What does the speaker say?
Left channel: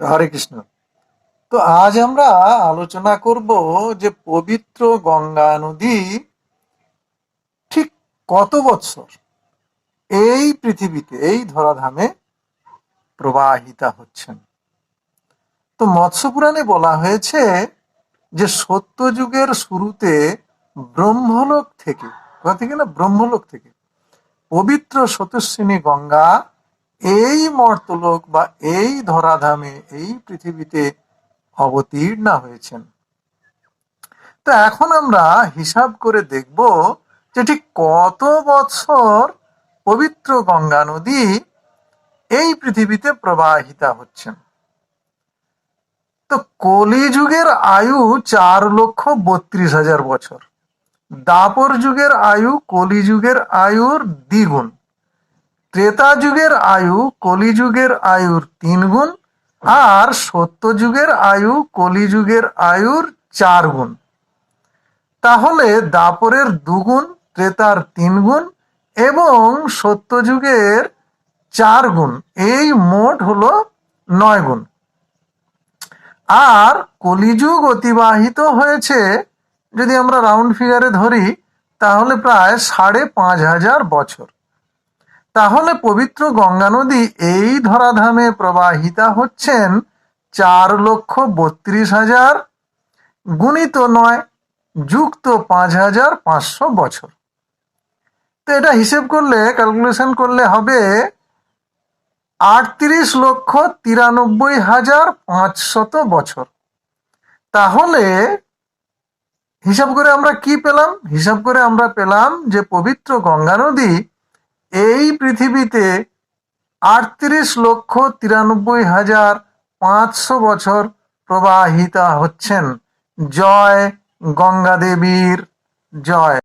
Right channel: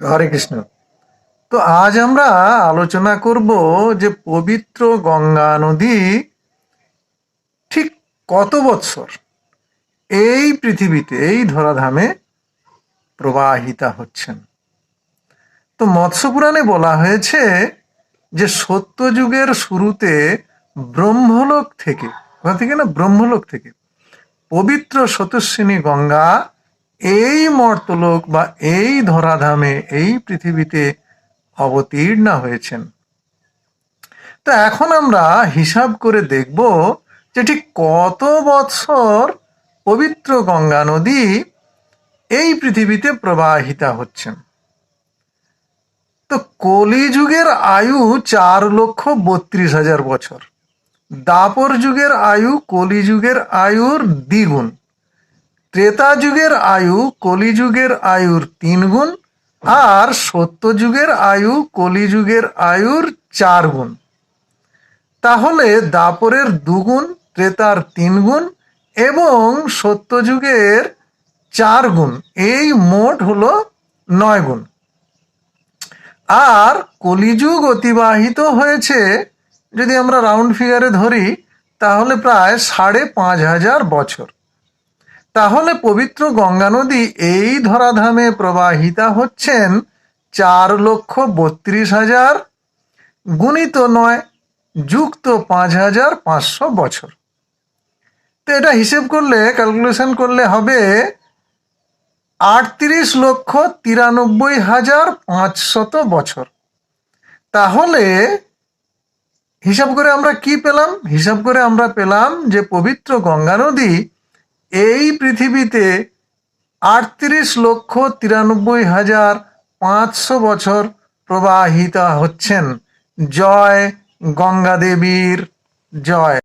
হরে কৃষ্ণ। তো আজ আমরা আলোচনা করব যে পবিত্র গঙ্গা নদী ঠিক কত বৎসর এই পৃথিবীতে, এই ধরাধামে প্রবাহিতা হচ্ছেন। তো মৎস্য পুরাণে বলা হয়েছে যে সত্যযুগের শুরুতে ব্রহ্মলোক থেকে, কোথা থেকে না, ব্রহ্মলোক থেকে পবিত্র স্রোতস্বিনী গঙ্গা এই মর্তলোক বা এই ধরাধামে, এই পৃথিবীতে অবতীর্ণা হয়েছেন। তো এখন আমরা হিসাব করে দেখব যে ঠিক কত বৎসর পবিত্র গঙ্গা নদী এই পৃথিবীতে প্রবাহিতা হচ্ছেন। তো কলিযুগের আয়ু 4,32,000 বছর, দাপর যুগের আয়ু কলিযুগের আয়ুর দ্বিগুণ, ত্রেতা যুগের আয়ু কলিযুগের আয়ুর 3 গুণ, আর সত্যযুগের আয়ু কলিযুগের আয়ুর 4 গুণ। তাহলে দাপরের 2 গুণ, ত্রেতার 3 গুণ এবং সত্যযুগের 4 গুণ, এই মোট হলো 9 গুণ। আর কলিযুগ অতিবাহিত হয়েছে, যদি আমরা রাউন্ড ফিগারে ধরি, তাহলে প্রায় 5,500 বছর। তাহলে পবিত্র গঙ্গা নদী এই ধরাধামে প্রবাহিতা হচ্ছেন 4,32,000 গুণিত 9 যুক্ত 5,500 বছর। তো এটা হিসেব করলে, ক্যালকুলেশন করলে হবে 38,93,500 বছর। তাহলে হিসাব করে আমরা কি পেলাম? হিসাব করে আমরা পেলাম যে পবিত্র গঙ্গা নদী এই পৃথিবীতে 38,93,500 বছর প্রবাহিতা হচ্ছেন। জয় গঙ্গা দেবীর জয়।